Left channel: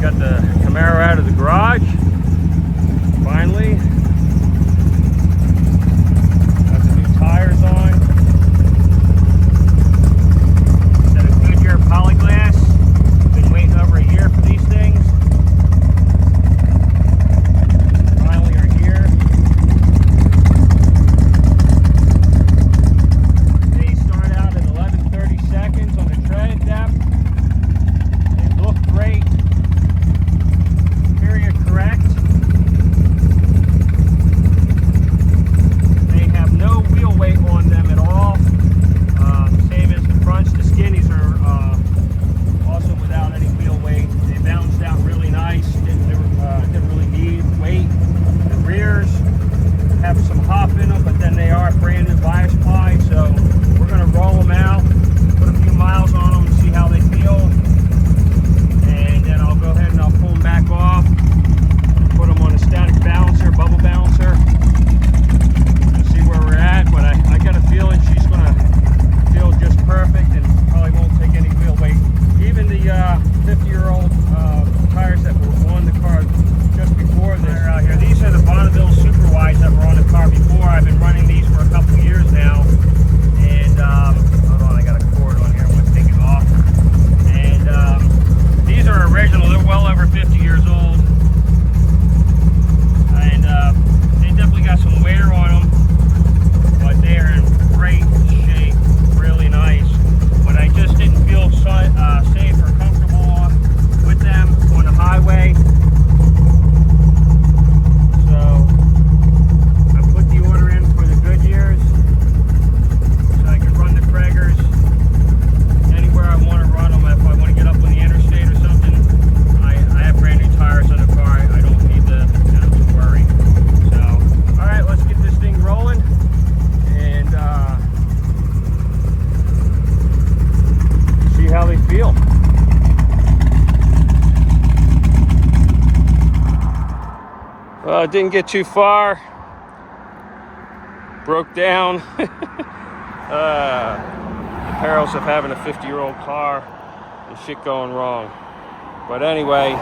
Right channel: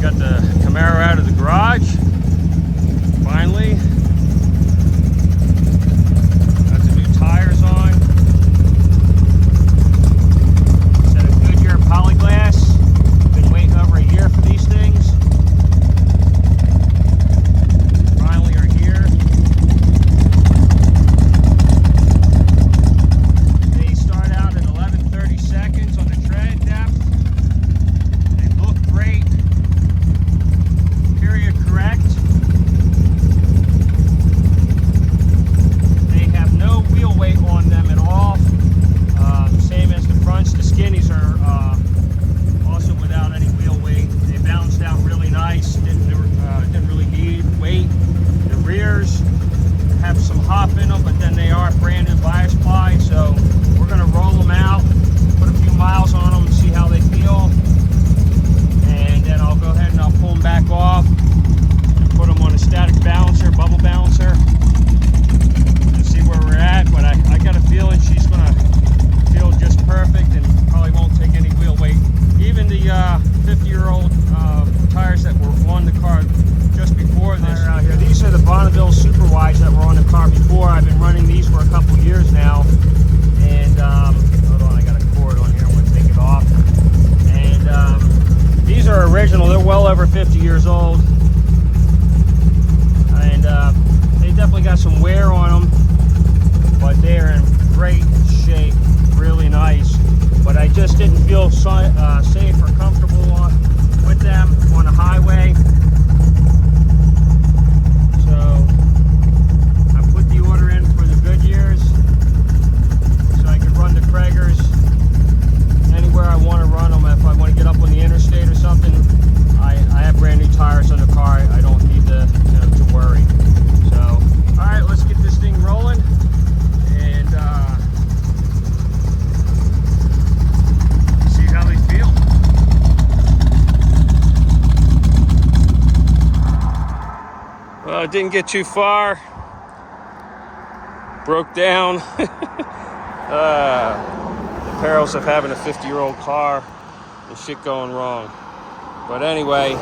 got the Camaro out of the garage, finally. Got the new tires on. Set of Goodyear polyglass. Been waiting over a year for these things. Finally are here. They start out at 11:30 seconds on the tread depth. They look great. Period correct. They have no wheel weight on them at all. Same as the fronts. The skinnies are also without any wheel weight. They balanced out really nice. Didn't really need weight. The rears have some hop in them, but then they are brand new bias ply. So we're going to roll them out, put a few miles on them, and see how they feel. And then I'll go ahead and I'll pull them back off and put them on a static balancer, bubble balancer, and see where we're at. But I got a feeling she's going to feel just perfect and probably won't take any wheel weight. Even the 50-year-old tires that were on the car just before this. Here. These are the Bonneville Super Wides that were on the car before. I've been running these for a couple of years now. And hold on, I got a cord on here. I'm going to take it off. And these are original. They're well over 50 years old. And they definitely got some wear on them. But they're in great shape. Really nice. But I just didn't feel safe or comfortable with them on the highway. So I put the order in for the Goodyears so I can run the Traegers anywhere I want to run them. If I want to get up on the interstate or something, I have brand new tires on the car. I don't need to worry. So, all right, let's get this thing rolling and see how they feel. Well, it didn't get too far. Broke down. The perils of having a 50-year-old car and shit going wrong. But anyway,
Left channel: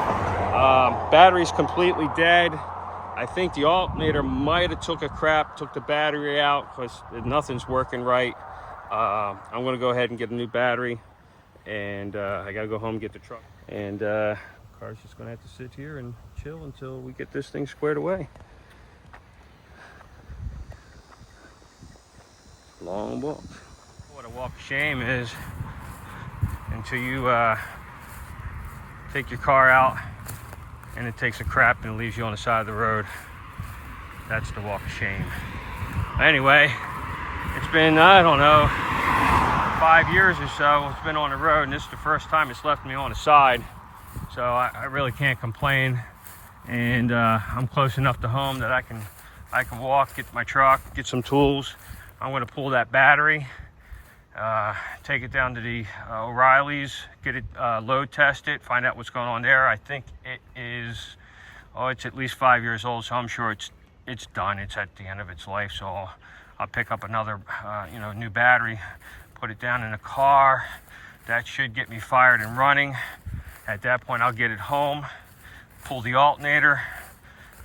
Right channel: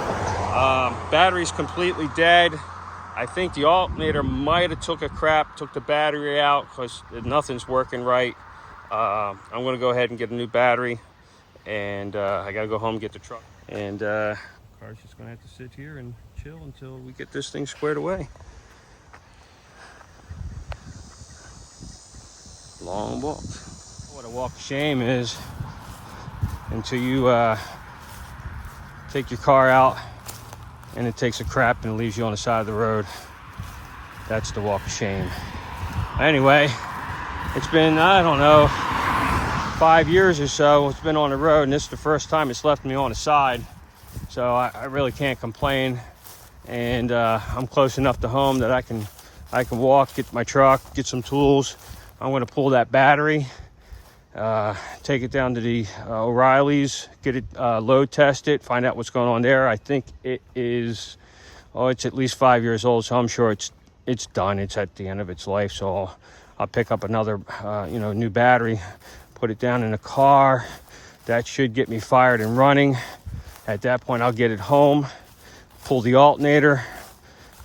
battery's completely dead. I think the alternator might have took the battery out because nothing's working right. I'm going to go ahead and get a new battery. And I got to go home and get the truck. And car's just going to have to sit here and chill until we get this thing squared away. Long walk. What a walk of shame is until you take your car out and it takes a crap and it leaves you on the side of the road. That's the walk of shame. Anyway, it's been, I don't know, 5 years or so. It's been on the road, and this is the first time it's left me on the side. So I really can't complain. And I'm close enough to home that I can walk, get my truck, get some tools. I'm going to pull that battery, take it down to the O'Reilly's, get it load tested, find out what's going on there. I think it is, it's at least 5 years old, so I'm sure it's done. It's at the end of its life. So I'll pick up another, new battery, put it down in the car. That should get me fired and running. At that point, I'll get it home, pull the alternator,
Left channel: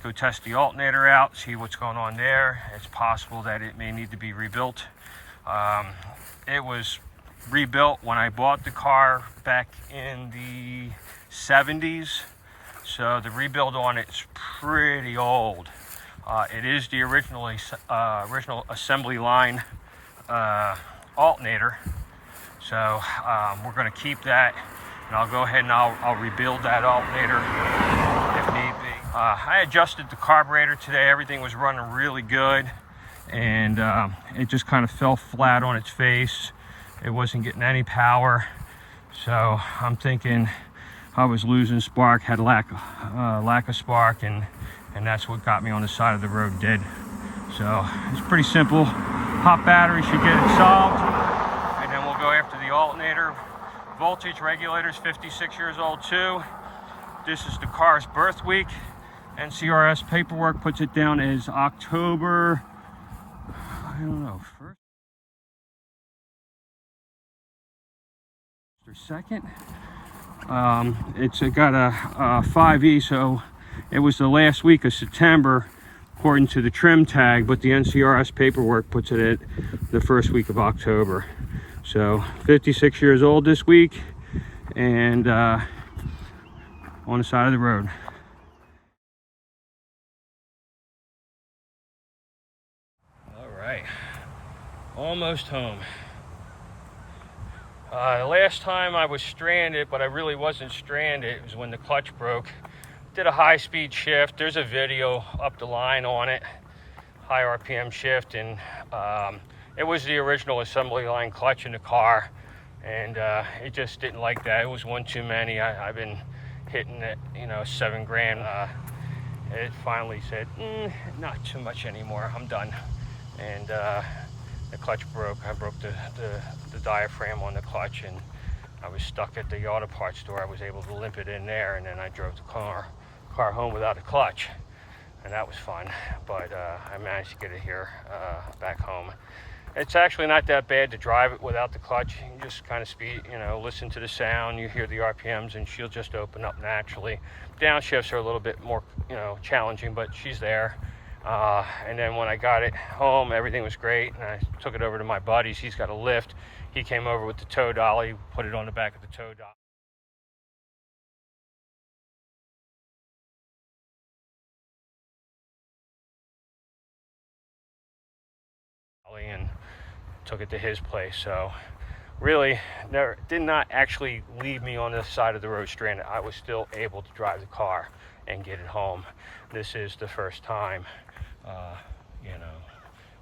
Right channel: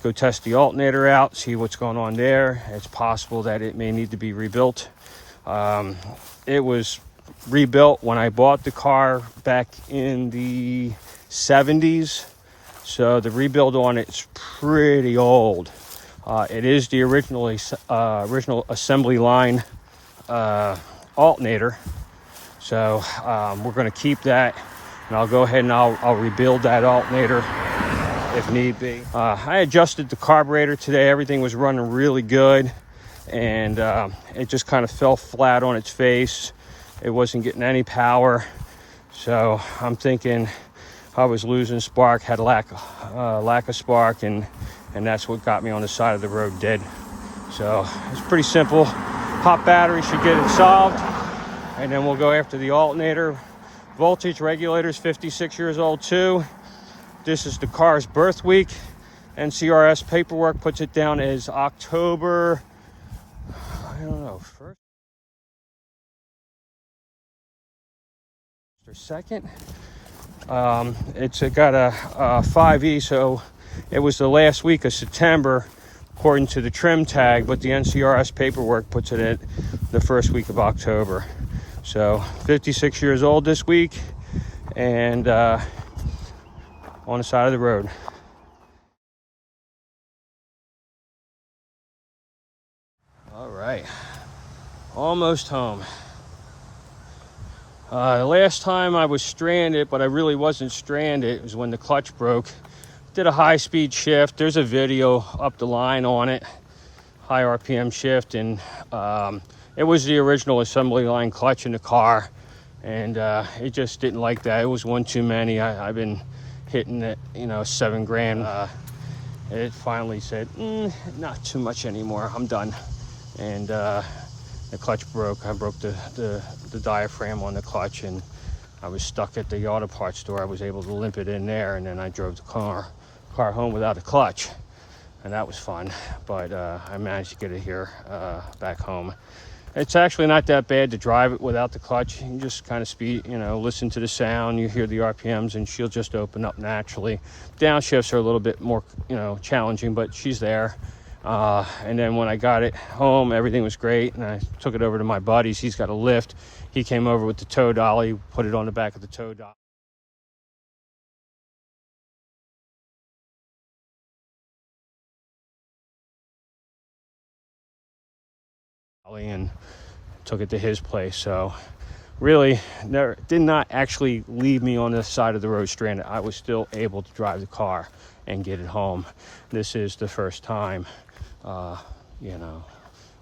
go test the alternator out, see what's going on there. It's possible that it may need to be rebuilt. It was rebuilt when I bought the car back in the 70s. So the rebuild on it's pretty old. It is the original assembly line alternator. So we're going to keep that, and I'll go ahead and I'll rebuild that alternator if need be. I adjusted the carburetor today. Everything was running really good, and it just kind of fell flat on its face. It wasn't getting any power, so I'm thinking I was losing spark, had lack of spark, and that's what got me on the side of the road dead. So it's pretty simple. Pop battery should get it solved, and then we'll go after the alternator. Voltage regulator's 56 years old too. This is the car's birth week. NCRS paperwork puts it down as October, I don't know, 1st or 2nd. It's got a 5E, so it was the last week of September according to the trim tag, but the NCRS paperwork puts it at the first week of October. So 56 years old this week, and on the side of the road. All right, almost home. The last time I was stranded, but I really wasn't stranded, was when the clutch broke. Did a high-speed shift. There's a video up the line on it, high RPM shift, and it was the original assembly line clutch in the car, and it just didn't like that. It was one too many. I've been hitting it, you know, 7 grand. It finally said, not too much anymore, I'm done. And the clutch broke. I broke the diaphragm on the clutch, and I was stuck at the auto parts store. I was able to limp it in there, and then I drove the car home without a clutch, and that was fun. But I managed to get it here back home. It's actually not that bad to drive it without the clutch. You can just kind of speed, you know, listen to the sound, you hear the RPMs, and she'll just open up naturally. Downshifts are a little bit more, you know, challenging, but she's there. And then when I got it home, everything was great, and I took it over to my buddy's. He's got a lift. He came over with the tow dolly, put it on the back of the tow dolly and took it to his place. So really did not actually leave me on the side of the road stranded. I was still able to drive the car and get it home. This is the first time you know,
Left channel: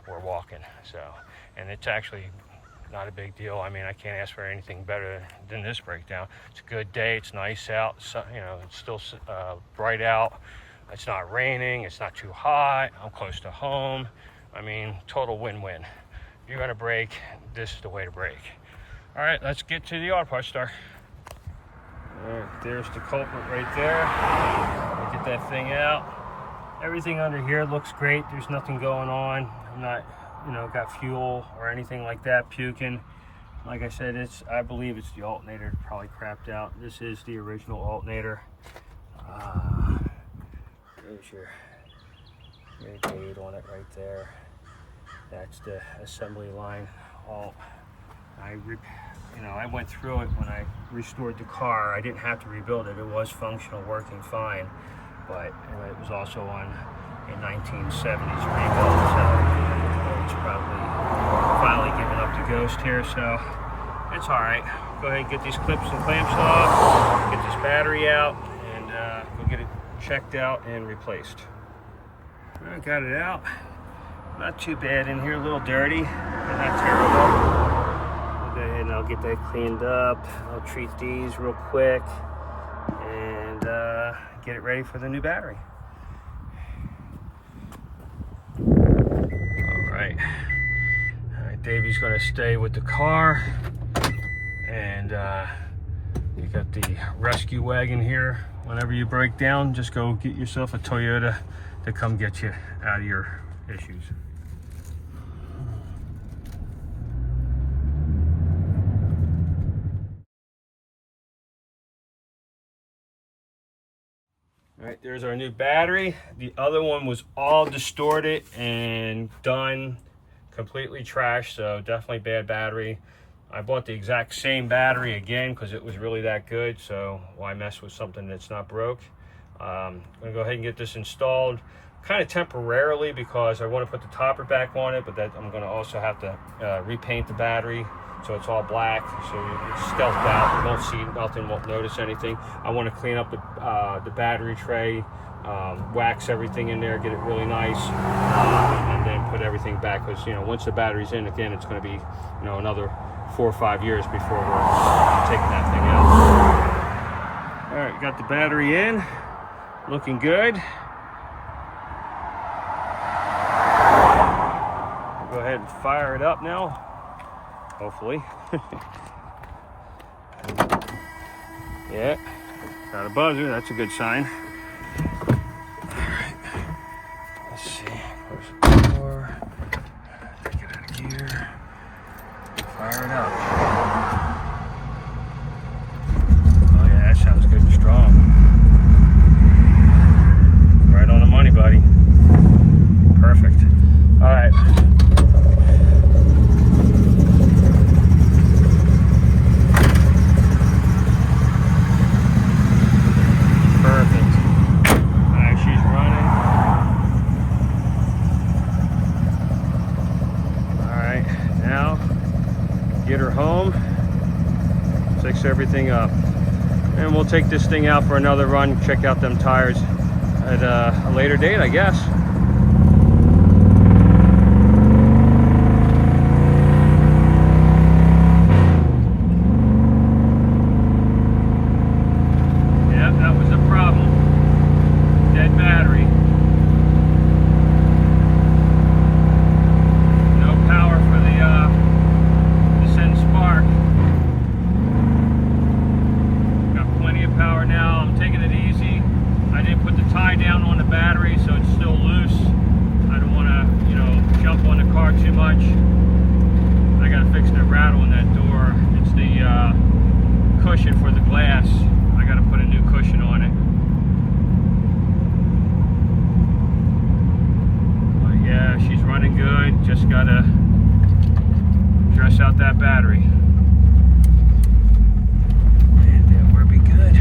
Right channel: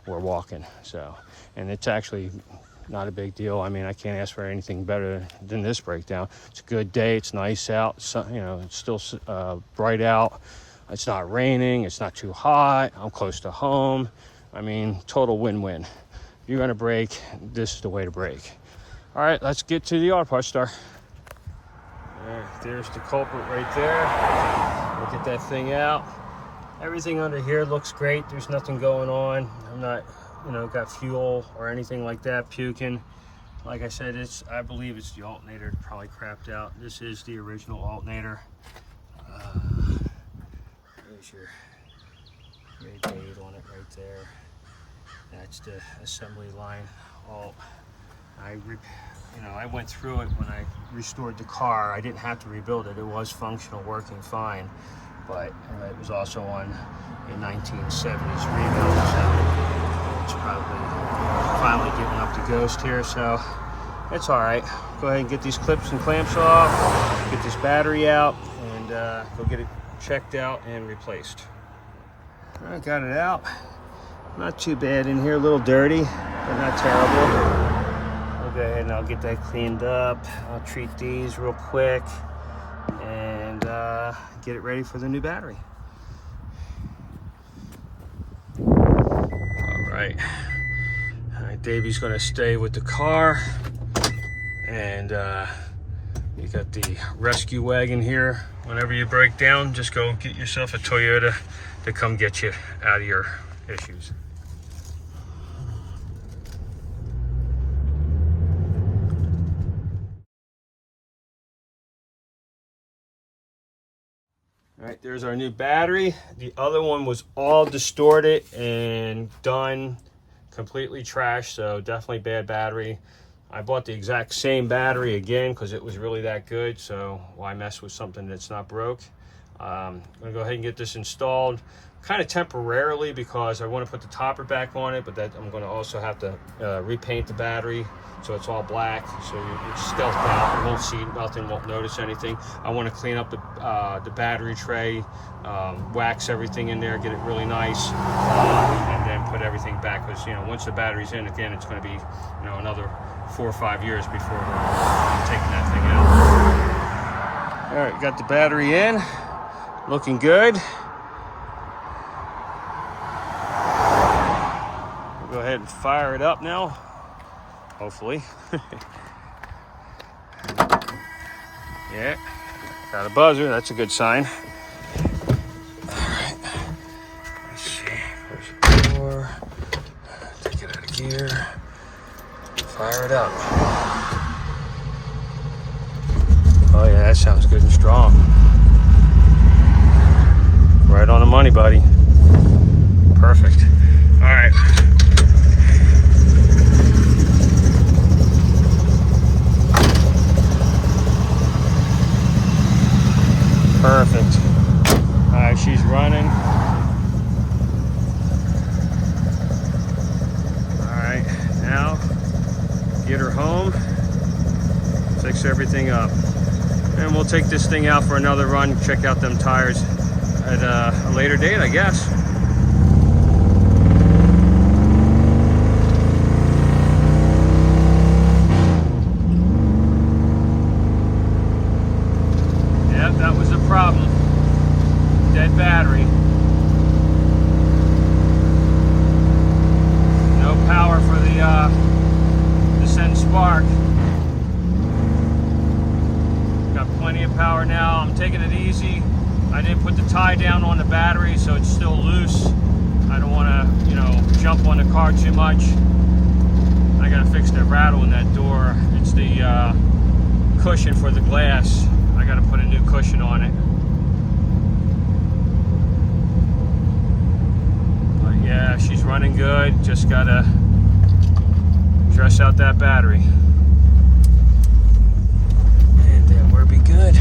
we're walking, so, and it's actually not a big deal. I mean, I can't ask for anything better than this breakdown. It's a good day, it's nice out, so, you know, it's still bright out, it's not raining, it's not too hot, I'm close to home. I mean, total win-win. You're gonna brake, this is the way to brake. All right, let's get to the auto parts store. There's the culprit right there. We'll get that thing out. Everything under here looks great. There's nothing going on. I'm not, you know, got fuel or anything like that puking. Like I said, I believe it's the alternator that probably crapped out. This is the original alternator. There's your date on it right there. That's the assembly line alt. I went through it when I restored the car. I didn't have to rebuild it. It was functional, working fine. But it was also on a 1970s rebuild, so it's probably finally giving up the ghost here, so it's all right. Go ahead and get these clips and clamps off, get this battery out, and go get it checked out and replaced. I got it out. Not too bad in here, a little dirty, but not terrible. I'll go ahead and I'll get that cleaned up. I'll treat these real quick and get it ready for the new battery. All right, Davey's gonna stay with the car, and you got the rescue wagon here. Whenever you break down, just go get yourself a Toyota to come get you out of your issues. All right, there's our new battery. The other one was all distorted and done, completely trashed, so definitely bad battery. I bought the exact same battery again because it was really that good, so why mess with something that's not broke? I'm gonna go ahead and get this installed, kind of temporarily, because I want to put the topper back on it, but that I'm gonna also have to repaint the battery so it's all black, so it's stealthed out. You won't see nothing, won't notice anything. I want to clean up the battery tray, wax everything in there, get it really nice, and then put everything back, because, you know, once the battery's in again, it's going to be, you know, another 4 or 5 years before we're taking that thing out. All right, got the battery in, looking good. We'll go ahead and fire it up now. Hopefully. Yeah, got a buzzer, that's a good sign. All right, let's see, push the door, take it out of gear, fire it up. Oh yeah, that sounds good and strong. Right on the money, buddy. Perfect. All right. Perfect. All right, she's running. All right, now get her home, fix everything up, and we'll take this thing out for another run, check out them tires at a later date, I guess. Yeah, that was a problem. Dead battery. No power for the Descent Spark. Got plenty of power now. I'm taking it easy. I didn't put the tie down on the battery, so it's still loose. I don't want to, you know, jump on the car too much. I got to fix the rattle in that door. It's the cushion for the glass. I got to put a new cushion on it. But yeah, she's running good. Just got to dress out that battery. And then we'll be good.